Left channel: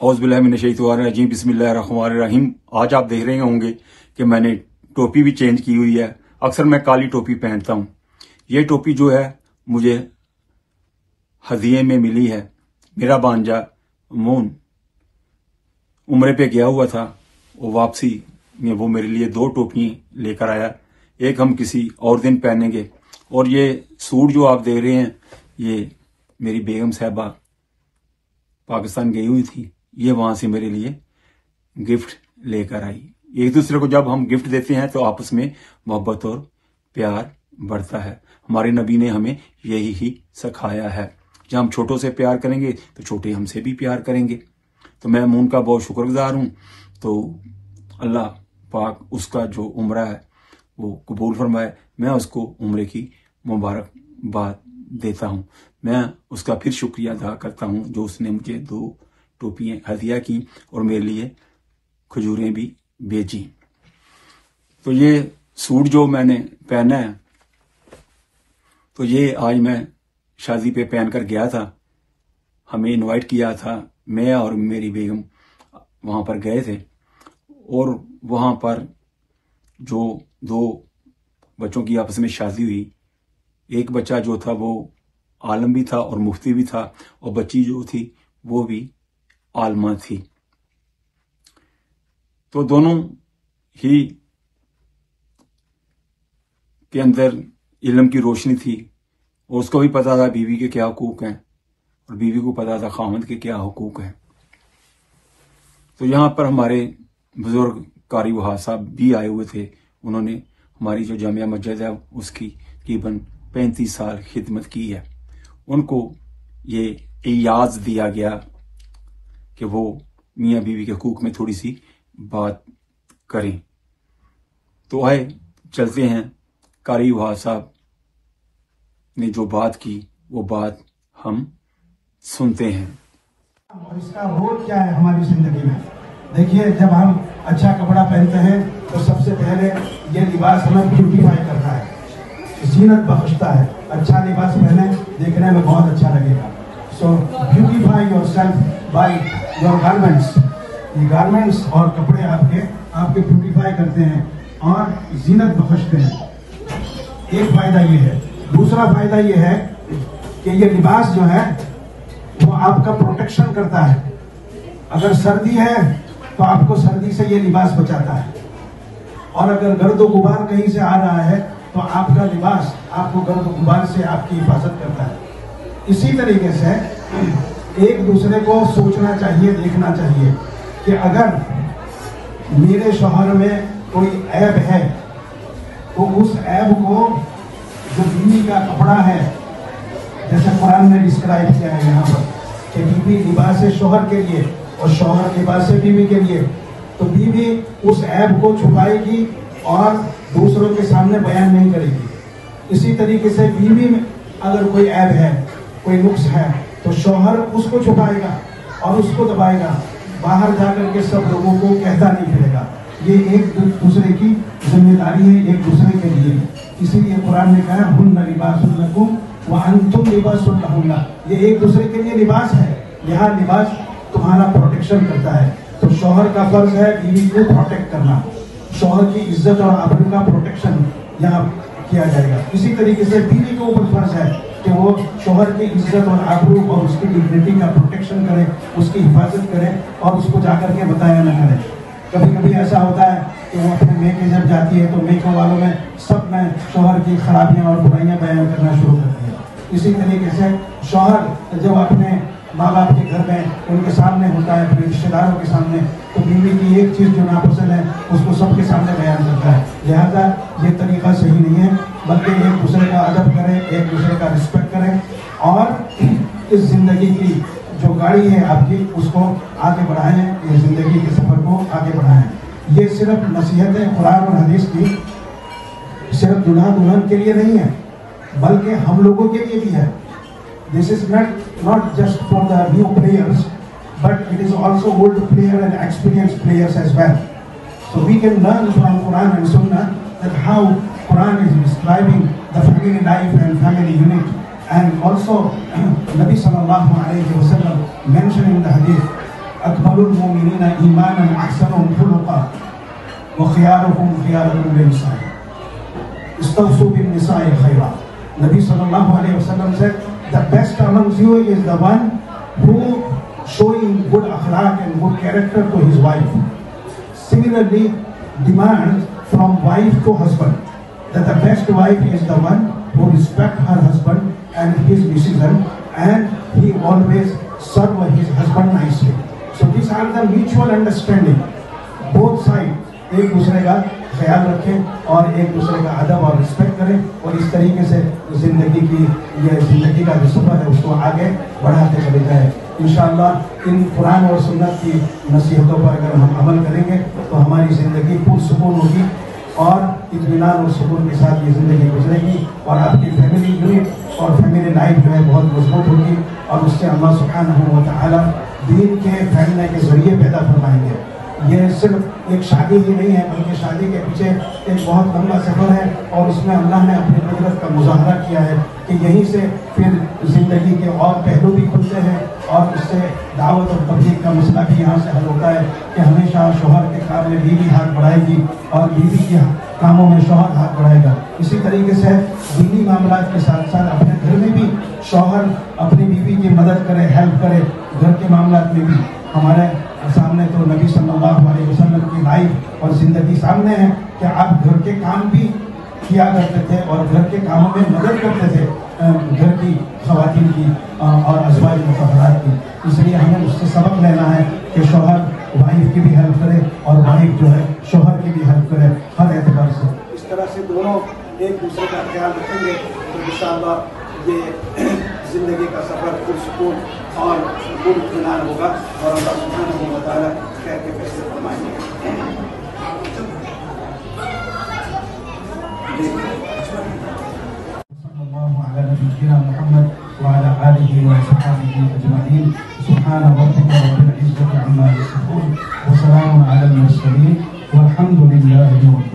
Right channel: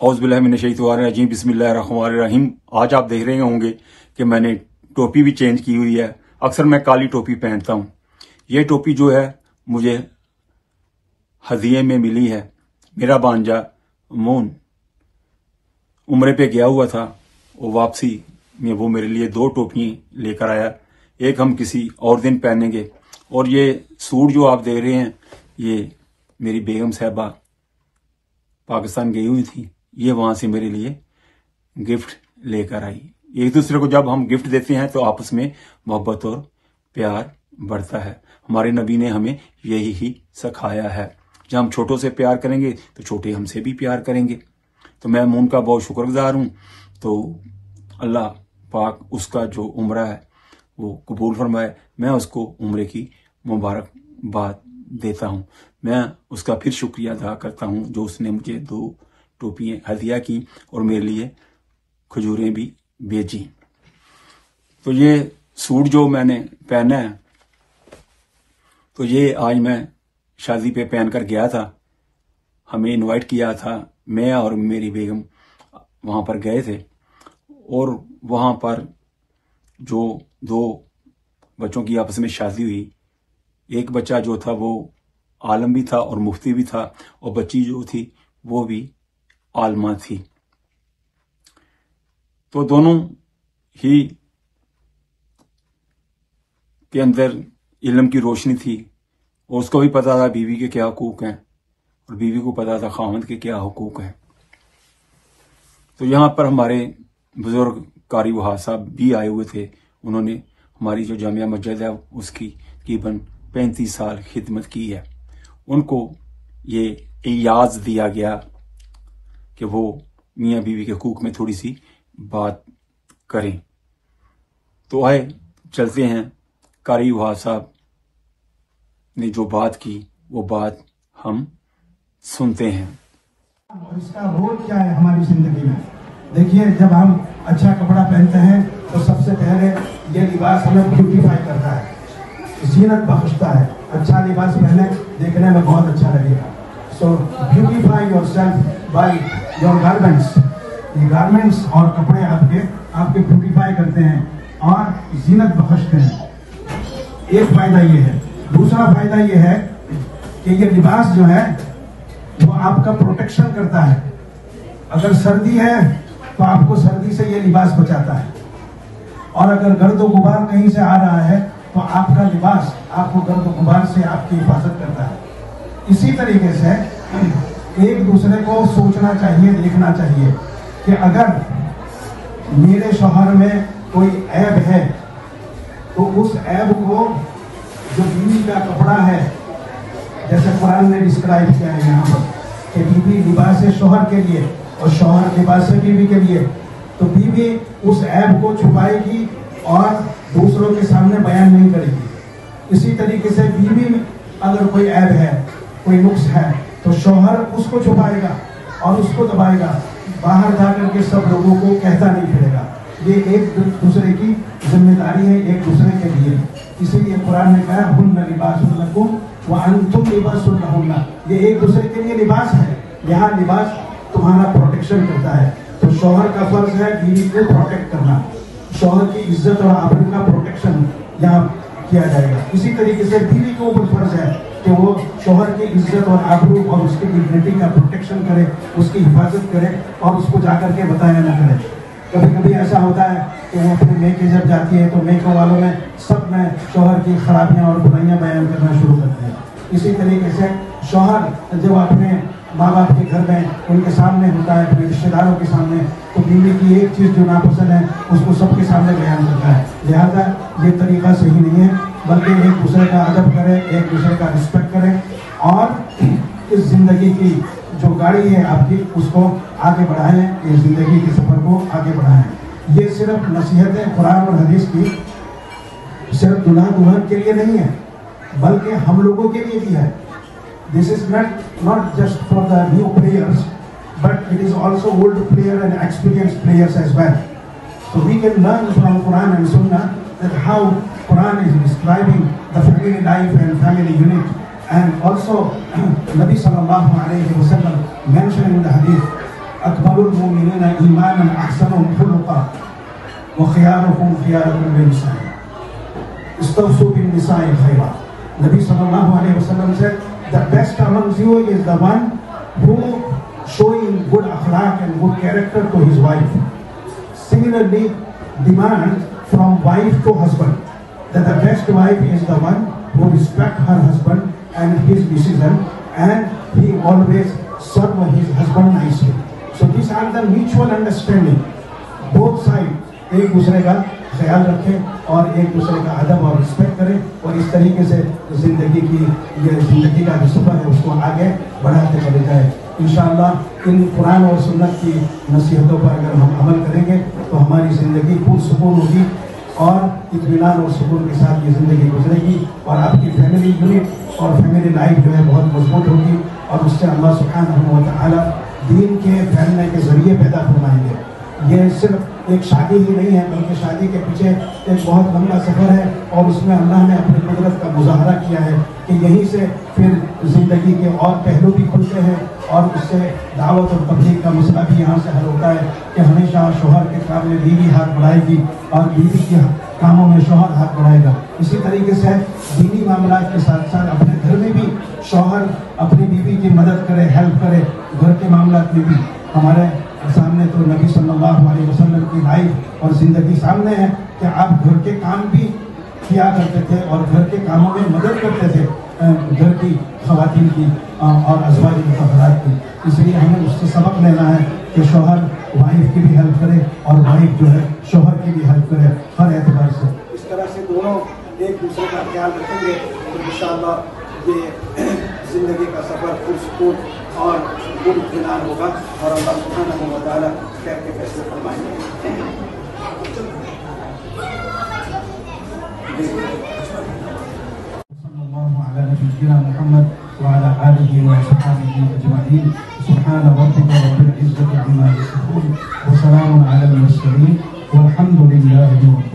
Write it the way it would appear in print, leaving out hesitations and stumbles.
औज़ बिल्लाहि मिनश शैतानिर रजीम, बिस्मिल्लाहिर रहमानिर रहीम। आज आप देख रहे होंगे कि मैंने टोपी भी चेंज की हुई है। अक्सर मैं काली टोपी पहनता हूँ। ये टोपी जो है मुझे हदिये में मिली है। मेरा भांजा मून उम्रे पे गया हुआ था, वो वापसी में वो मेरे लिए 2 टोपी लेकर आया। एक हम किसी और दिन पहनेंगे, और ये सूट जो आप देख रहे हैं ये मेरी बेगम साहबा पाकिस्तान गई हुई थी, ये वहां से मेरे लिए गिफ्ट लेकर आई। एक दूसरे को जब हम गिफ्ट देते हैं तो आपस में मोहब्बत और प्यार बढ़ता है। हमारे नबी ने हमें यही ही सिखाया है। जब हम छोटों से प्यार करेंगे तो छोटे हमसे भी प्यार करेंगे। तो मैं मून का बहुत शुक्रगुजार हूँ। तो अल्लाह पाक उसका जो उम्रा है वो कबूल फरमाए। मैं उसको उम्रे की मुबारकबाद देता हूँ। मैं उसका फिर शुक्रिया अदा करता हूँ जो उसने मुझे 2 टोपियाँ हदिया की और मेरे लिए खजूरें भी भेजी। तो ये सूट जो मैंने पहना है, तो ये आज मैं शादी पे पहन कर गया था। हमें इनवाइट किया था, मैं और मेरी बेगम वहां पर गए थे, और वहां पर जो 2 बच्चों की आपस में शादी हुई। एक बच्चा जो था वो आलम भी था और मुफ्ती भी था, और बच्ची जो थी वो भी आलमा थी। तो दोनों ही के अंदर इल्म की रोशनी थी, और उसको भी पता था बीवी के क्या हुकूक हैं, और बीवी को पता था खावंद के क्या हुकूक हैं। तो यहाँ पर हमारे बुजुर्ग कारी वहाब साहब भी आए हुए थे। उन्होंने हमारी जो जामिया मस्जिद है उसकी तकरीबन 35 साल खिदमत की है। उनको ये इजाज़ दिया गया कि वो मियाँ बीवी के हुकूक में थोड़ी सी बात करें। तो आए चलते हैं, कारी वहाब साहब ने जो बात की वो बात हम सुनते हैं। इसका रोल क्या है हमारी जिंदगी में? देखिए, जब हम अच्छा कपड़ा पहनते हैं तो सबसे पहले ये लिबास हमें ब्यूटीफाई करता है, जीनत बख्शता है। अच्छा लिबास पहने, देखने में बहुत अच्छा लगेगा। So beautify yourself by your garments. ये गारमेंट्स और कपड़े आपके ब्यूटीफाई करते हैं और जीनत बख्शते हैं। एक फायदा ये है। दूसरा फायदा ये है कि ये लिबास जो है वो आपका प्रोटेक्शन करता है। अगर सर्दी है तो आपको सर्दी से ये लिबास बचाता है, और अगर गर्द व गुबार कहीं से आ रहा है तो आपका लिबास आपको गर्द व गुबार से आपकी हिफाजत करता है। इसी तरीके से एक दूसरे को सोचना चाहिए, देखना चाहिए कि अगर मेरे शौहर में कोई ऐब है तो उस ऐब को जो बीवी का कपड़ा है, जैसे कुरान ने डिस्क्राइब किया है यहाँ पर कि बीवी लिबास है शौहर के लिए और शौहर लिबास है बीवी के लिए, तो बीवी उस ऐब को छुपाएगी और दूसरों के सामने बयान नहीं करेगी। इसी तरीके से बीवी में अगर कोई ऐब है, कोई नुक्स है, तो शौहर उसको छुपाएगा और उसको दबाएगा, बाहर जाकर के सब लोगों को कहता नहीं फिरेगा। ये एक दूसरे की जिम्मेदारी है, एक दूसरे के लिए। इसीलिए कुरान ने कहा हुन्ना लिबासुन लकुम व अंतुम लिबासुन लहुन्ना। ये एक दूसरे के लिए लिबास है। यहाँ लिबास तुम्हारा प्रोटेक्शन करता है। तो शौहर का फर्ज है बीवी को प्रोटेक्ट करना। शौहर की इज्जत और आबरू का प्रोटेक्शन यहाँ किया जाएगा। इसी तरीके से बीवी को फर्ज है कि वो शौहर की इज्जत और आबरू और उसकी डिग्निटी का प्रोटेक्शन करे, उसकी हिफाजत करे और उसको जाकर के बताया न करे। कभी कभी ऐसा होता है कि वो अपने मेके जब जाती है तो मेके वालों में सब नए शौहर की खराबियां और बुराइयां बयान करना शुरू करते हैं। इसी तरीके से शौहर जब अपने माँ बाप के घर में उनके सामने होता है, अपने रिश्तेदारों के सामने, तो बीवी की एक चीज जो नापसंद है उसको सबके सामने बयान करता है। लिहाजा ये तरीका सही नहीं है, बल्कि एक दूसरे का अदब करें, एक दूसरे का रिस्पेक्ट करें और इस जिंदगी की जो गाड़ी है आपकी उसको आगे बढ़ाएं, ये जिंदगी के सफर को आगे बढ़ाएं। ये सिर्फ नसीहतें कुरान और हदीस की सिर्फ दुल्हा दुल्हन के लिए नहीं है, बल्कि हम लोगों के लिए भी है। This is not just for the new players, but it is also old player and experienced players as well. So we can learn from Quran and Sunnah that how Quran is describing the family life and family unit, and also Nabi sallallahu alayhi wa sallam mentioned in the hadith أكمل المؤمنين إيمانا أحسنهم خلقا وخيارهم خيارهم للنساء استوصوا بالنساء خيرا. Nabi sallallahu alayhi wa sallam said, the best amongst you is the one who showing good akhlaq and good character to his wife. Similarly, demand from wife to husband that the best wife is the one who respects her husband and his decision, and he always serve his husband nicely. So these are the mutual understanding. Both sides ایک دوسرے کا خیال رکھیں اور ایک دوسرے کا ادب اور رسپیکٹ کریں اور اس طریقے سے زندگی کا جو سفر ہے اس کو آگے بڑھاتے چلے جائیں. انشاءاللہ ان قرآن اور سنت کی نصیحتوں پر اگر ہم عمل کریں گے تو ہماری زندگی پرسکون ہوگی اور اطمینان اور سکون کے ساتھ یہ زندگی گزرے گی اور آپ کی فیملی یونٹ اور فیملی لائف جو ہے بہت مضبوط ہوگی اور اس سے اللہ سبحانہ و تعالیٰ دین کے پھیلنے کے ذریعے پیدا کروائیں گے. یہ صرف ایک شادی ہی نہیں ہے بلکہ شادی کے پیچھے ایک بہت لمبا سفر ہے اور اس میں اللہ نے اپنی قدرت کا مظاہرہ کیا ہے کہ یہیں سے پھر زندگی کے اور پہلو بھی کھلتے ہیں اور اس سے دعوت اور تبلیغ کا مسئلہ بھی یہاں سے حل ہوتا ہے کہ ہمیشہ شوہر کے کام میں بیوی ہاتھ بڑھائے گی اور بیوی کے کاموں میں شوہر ہاتھ بڑھائے گا. اسی طریقے سے دینی معاملات کے ساتھ ساتھ اپنے گھر میں بھی شوہر اپنی بیوی کی مدد کرے, ہیلپ کرے. گھر کے معاملات میں بھی ہمارے سامنے تو نبی صلی اللہ علیہ وسلم کی لائف اور زندگی سامنے ہے کہ آپ گھر کے کام بھی کیا کرتے تھے اور گھر کے کاموں میں مدد کرتے تھے گھر کی خواتین کی اور ازواج مطہرات کی. اس لیے ہمیں اس سے سبق لینا ہے کہ شوہر وائف کی بھی ہیلپ کرے اور وائف جو ہے شوہر کی بھی ہیلپ کرے ہر اعتبار سے. اس طرح سے دونوں ایک دوسرے کا خیال رکھیں گے تو انشاءاللہ یہ زندگی کا سفر پرسکون اور اطمینان ہوگا اور اللہ سبحانہ و تعالیٰ خیر کے فیصلے فرمائیں گے. صلی اللہ علی نبینا محمد وعلی آلہ وصحبہ اجمعین. سبحان ربک رب العزة عما یصفون وسلام علی المرسلین والحمد للہ رب العالمین.